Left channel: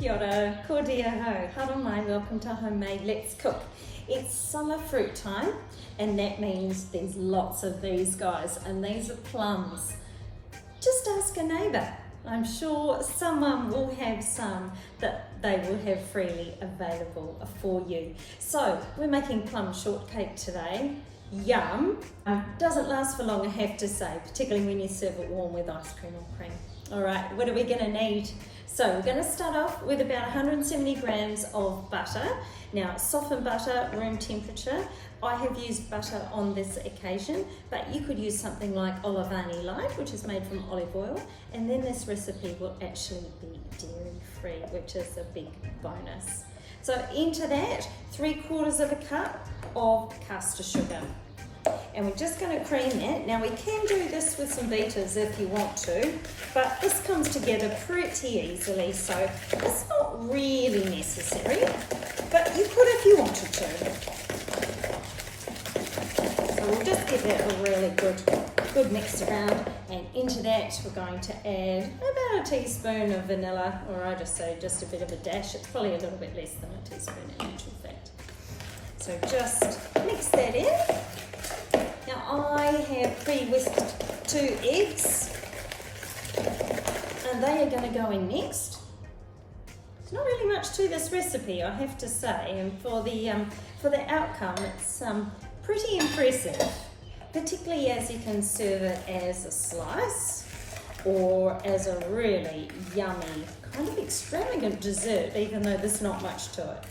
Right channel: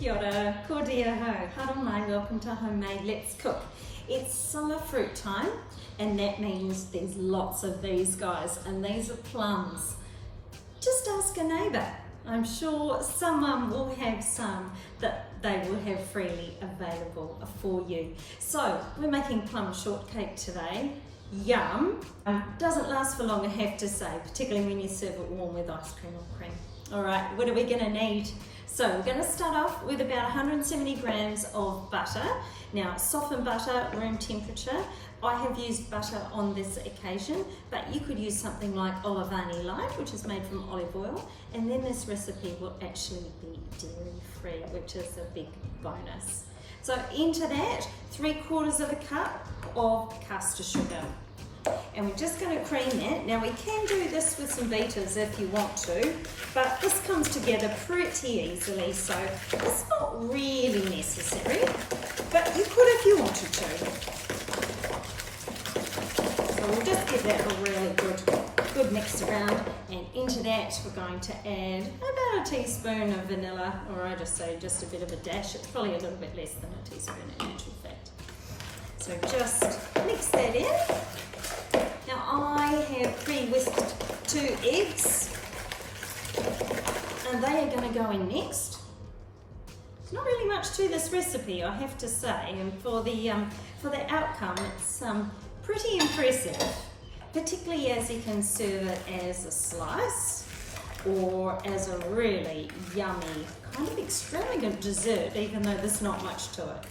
Kia ora, ko dia ho, hara mai, welcome to Homemade Let's Cook. It's summer fruit time, and that means there's lots of these guys, and these are plums. Just ask a neighbour. I'm sure someone will have some that they will have freely available for you. So we're making plum shortcake today. Yum! Doesn't last for long, I have to say, particularly when you serve it warm with ice cream or cream. All right, what are we going to need? So we're going to start off with about 170 grams of butter. Now, softened butter, room temperature. I have used butter on this occasion, but you could use something like Olivani Light, which is made from olive oil, and then this recipe will actually be dairy-free, which is a big bonus. So into that, 3/4 of a cup of caster sugar. And we're just going to cream that. Now we can do this with some beaters if you want to, but this comes together pretty easily, so it's not really necessary, but you could if you wanted to. So we'll just give that a really good mix around, and into that we're going to add about a teaspoon of vanilla, or I just say just a bit of a dash. It's probably a little bit less than a teaspoon in actual fact. So just mix that in. Now I have pre-whisked 2 eggs, and they are going to go in next. There's not really much to this recipe, I have to say, and for the outcome, it's pretty impressive, particularly as you can serve it as a slice or as a really yummy, kind of extravagant dessert, even though there's not much to it.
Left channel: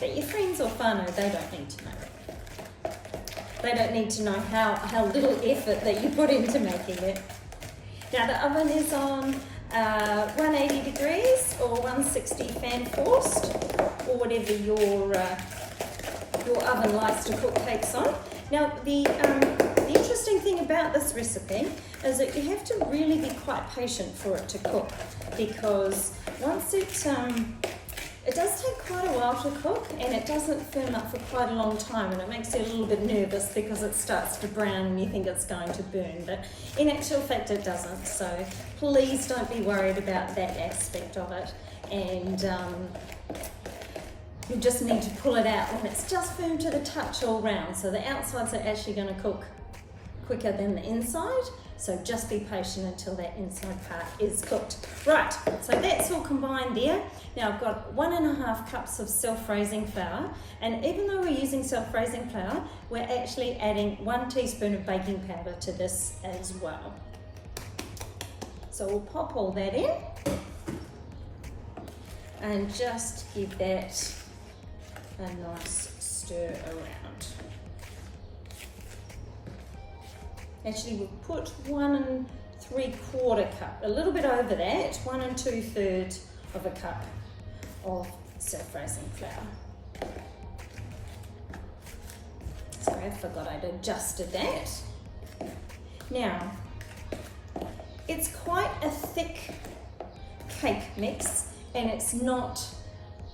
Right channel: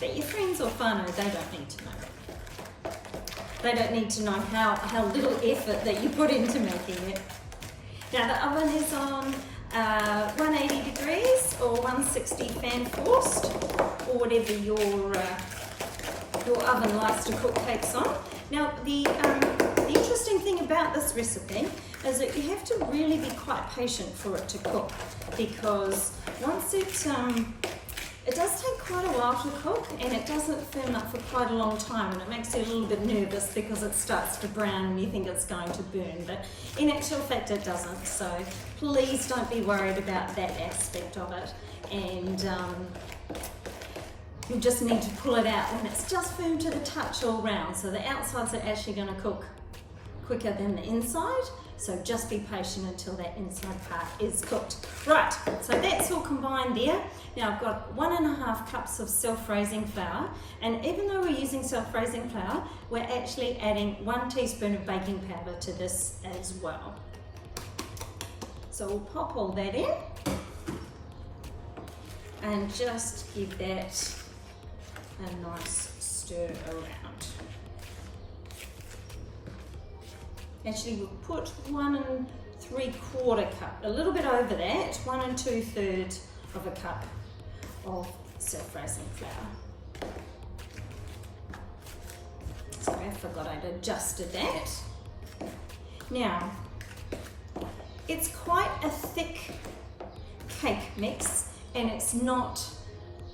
But your friends or whānau, they don't need to know. They don't need to know how little effort that you put into making it. Now the oven is on 180 degrees or 160 fan forced, or whatever your oven likes to cook cakes on. Now the interesting thing about this recipe is that you have to really be quite patient for it to cook, because once it does take quite a while to cook, and it doesn't firm up for quite a long time, and it makes you a little bit nervous because it starts to brown and you think it's going to burn, but in actual fact it doesn't. So please don't be worried about that aspect of it, and you just need to pull it out when it's just firm to the touch all round. So the outsides are actually going to cook quicker than the inside, so just be patient until that inside part is cooked. Right, so that's all combined there. Now I've got 1.5 cups of self-raising flour, and even though we're using self-raising flour, we're actually adding 1 teaspoon of baking powder to this as well. So we'll pop all that in and just give that a nice stir around. Actually, we'll put 1 3/4 cup, a little bit over that, 1 2/3 of a cup of self-raising flour. Sorry, I forgot I'd adjusted that. Now, it's quite a thick cake mix, and it's not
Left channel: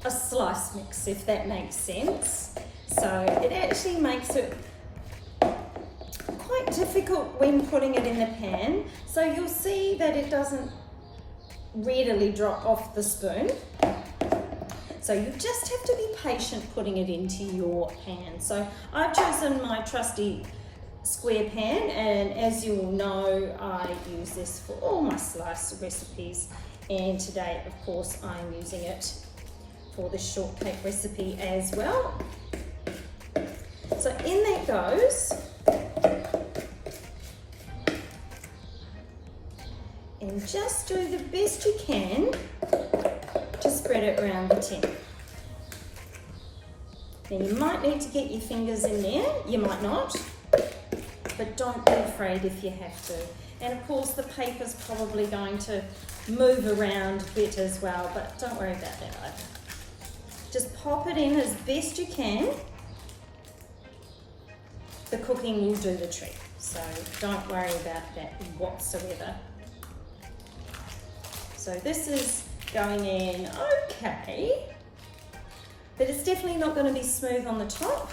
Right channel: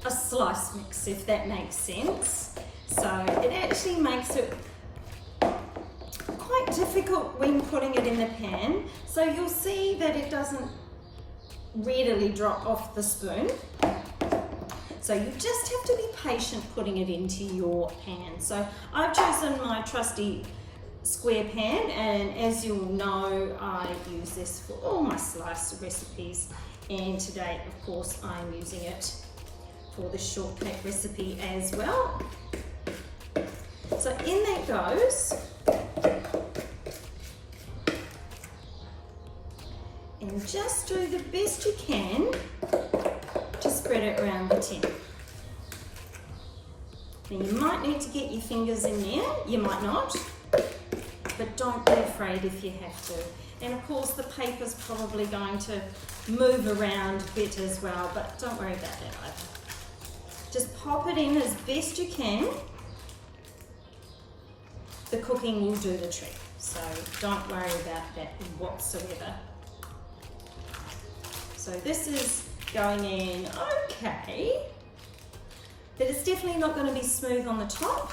a slice mix, if that makes sense. So it actually makes it quite difficult when putting it in the pan. So you'll see that it doesn't readily drop off the spoon. So you just have to be patient putting it into your pan. So I've chosen my trusty square pan, and as you'll know, I use this for all my slice recipes, and today of course I'm using it for the shortcake recipe as well. So in that goes, and just do the best you can to spread it around the tin. Now you might need to get your fingers in there, you might not, but don't be afraid if you have to. And of course the paper's probably going to move around a bit as well, but don't worry about that either. Just pop it in as best you can. The cooking will do the trick, so don't worry about that whatsoever. So this is going in okay, but it's definitely not going to be smooth on the top,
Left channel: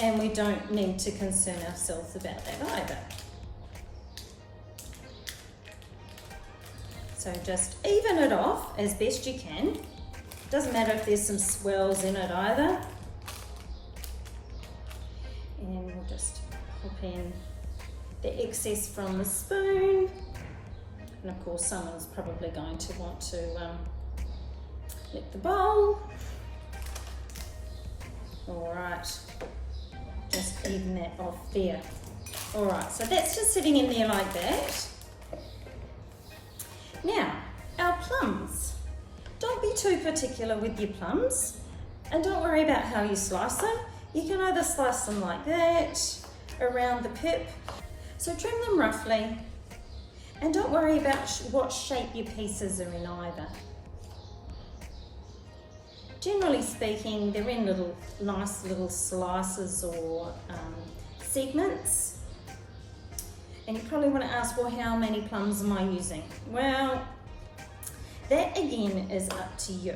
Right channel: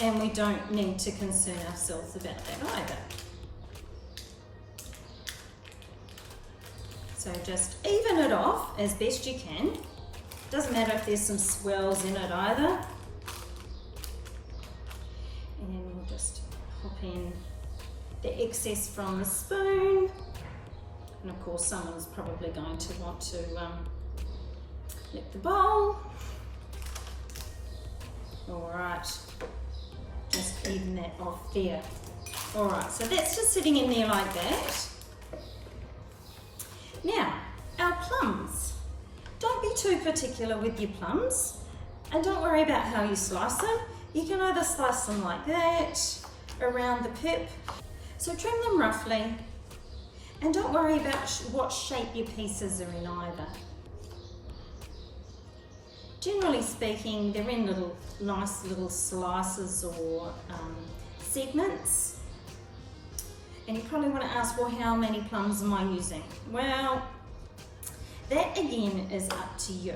and we don't need to concern ourselves about that either. So just even it off as best you can. Doesn't matter if there's some swells in it either. And we'll just pop in the excess from the spoon. And of course someone's probably going to want to get the bowl. All right, just even that off there. All right, so that's just sitting in there like that. Now, our plums. Don't be too particular with your plums, and don't worry about how you slice them. You can either slice them like that, around the pip. So trim them roughly, and don't worry about what shape your pieces are in either. Generally speaking, they're in nice little slices or segments. And you probably want to ask, well, how many plums am I using? Well, that again is up to you.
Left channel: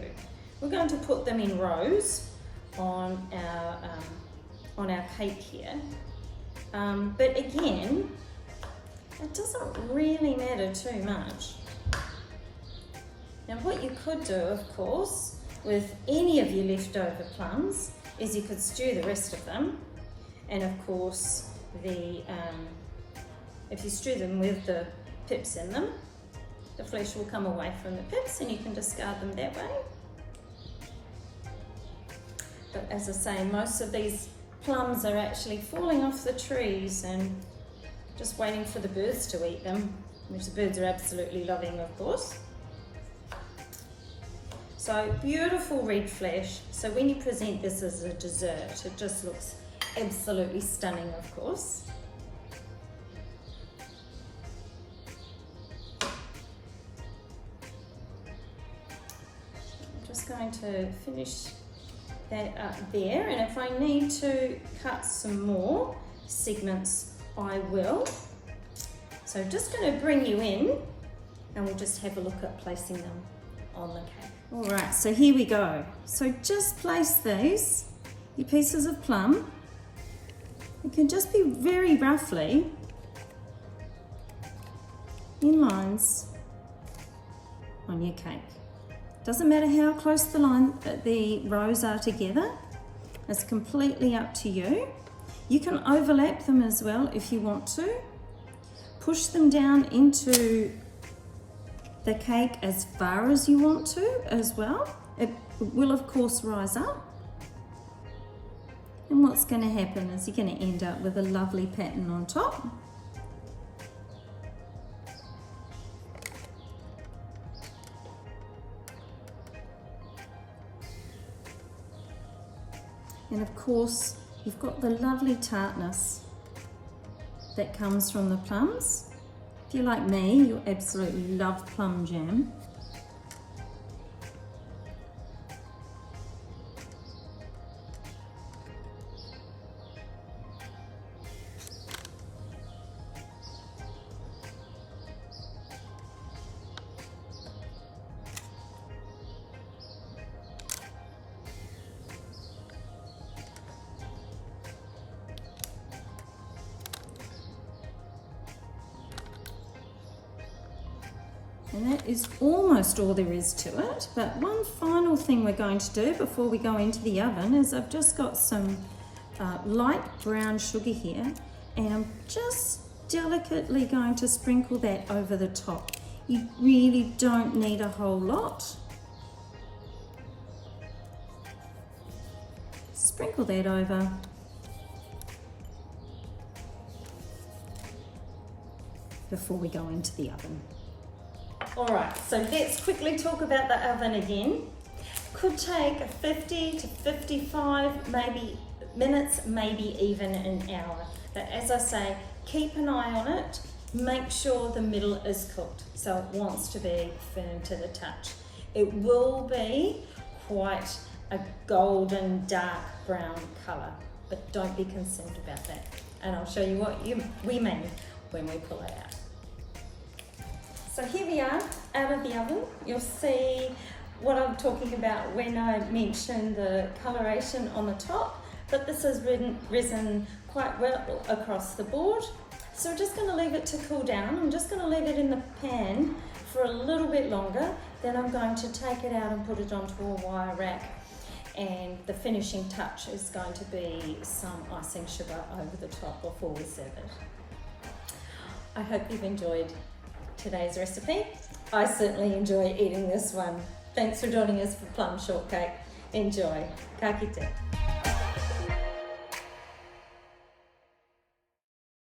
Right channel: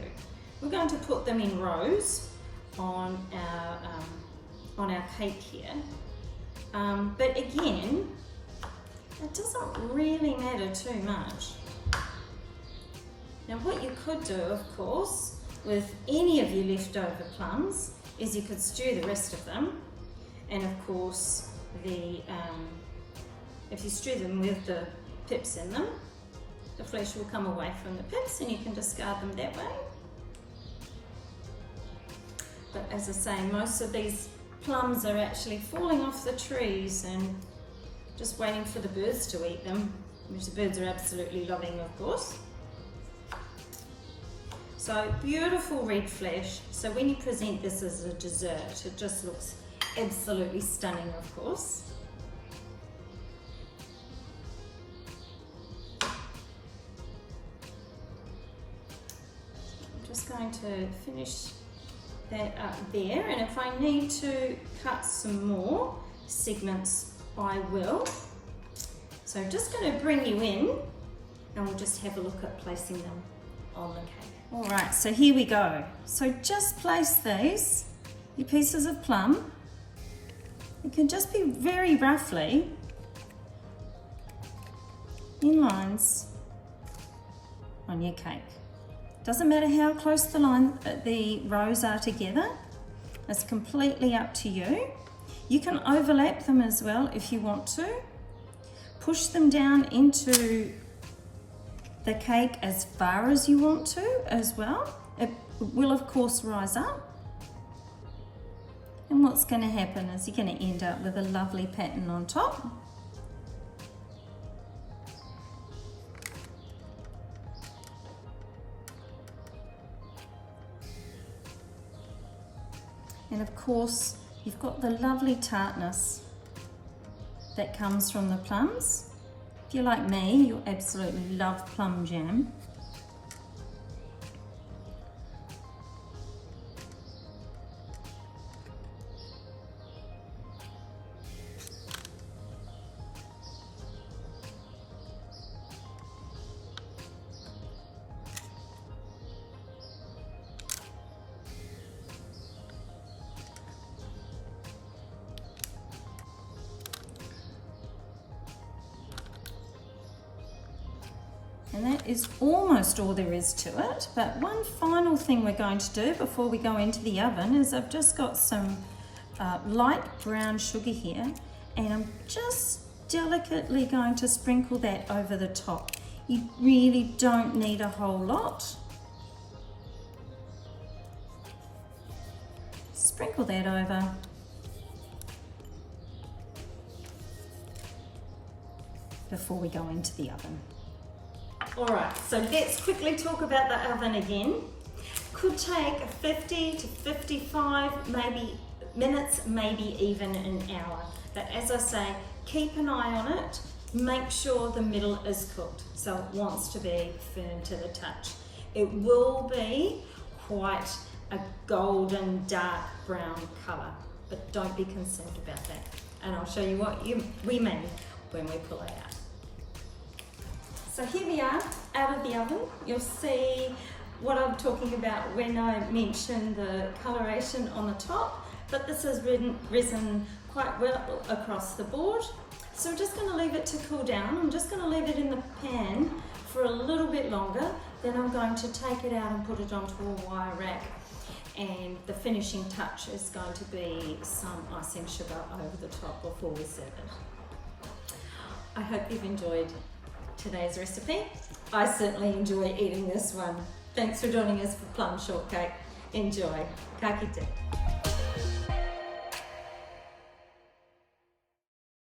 We're going to put them in rows on our cake here. But again, it doesn't really matter too much. Now what you could do, of course, with any of your leftover plums is you could stew the rest of them, and of course if you stew them with the pips in them, the flesh will come away from the pips and you can discard them that way. But as I say, most of these plums are actually falling off the trees and just waiting for the birds to eat them, which the birds are absolutely loving, of course. So beautiful red flesh. So when you present this as a dessert, it just looks absolutely stunning, of course. I'm just going to finish that up there, and if I need to cut some more segments, I will. So I'm just going to bring you in and we'll just have a look at placing them on the cake. All right, so here we go. So just place these, your pieces of plum. You can just be very roughly in lines on your cake. Doesn't matter how close the rows are together. It's completely up to you. You can overlap them as well if you want to. Push them down into the cake as far as you want to as well. It will of course rise up. And what's going to happen is you're going to end up with a lovely pattern on top. And of course, you've got the lovely tartness that comes from the plums. If you're like me, you'll absolutely love plum jam. And that is almost all there is to it. But one final thing we're going to do before we go into the oven is I've just got some light brown sugar here, and I'm just delicately going to sprinkle that over the top. You really don't need a whole lot. Sprinkle that over. Before we go into the oven. All right, so let's quickly talk about the oven again. Could take 50 to 55 minutes, maybe even an hour. But as I say, keep an eye on it. Make sure the middle is cooked, so it wants to be firm to the touch. It will be quite a golden dark brown colour, but don't be concerned about that. And I'll show you what we mean when we pull it out. So here we are out of the oven. You'll see what I'm talking about when I mention the coloration on the top, but this has risen quite well across the board. So we're just going to leave it to cool down. I'm just going to leave it in the pan for a little bit longer. Then I'm going to take it out and put it onto a wire rack. And the finishing touch is going to be some icing sugar over the top before we serve it. I hope you've enjoyed today's recipe. I certainly enjoy eating this one. Thanks for joining us for Plum Shortcake. Enjoy. Ka kite.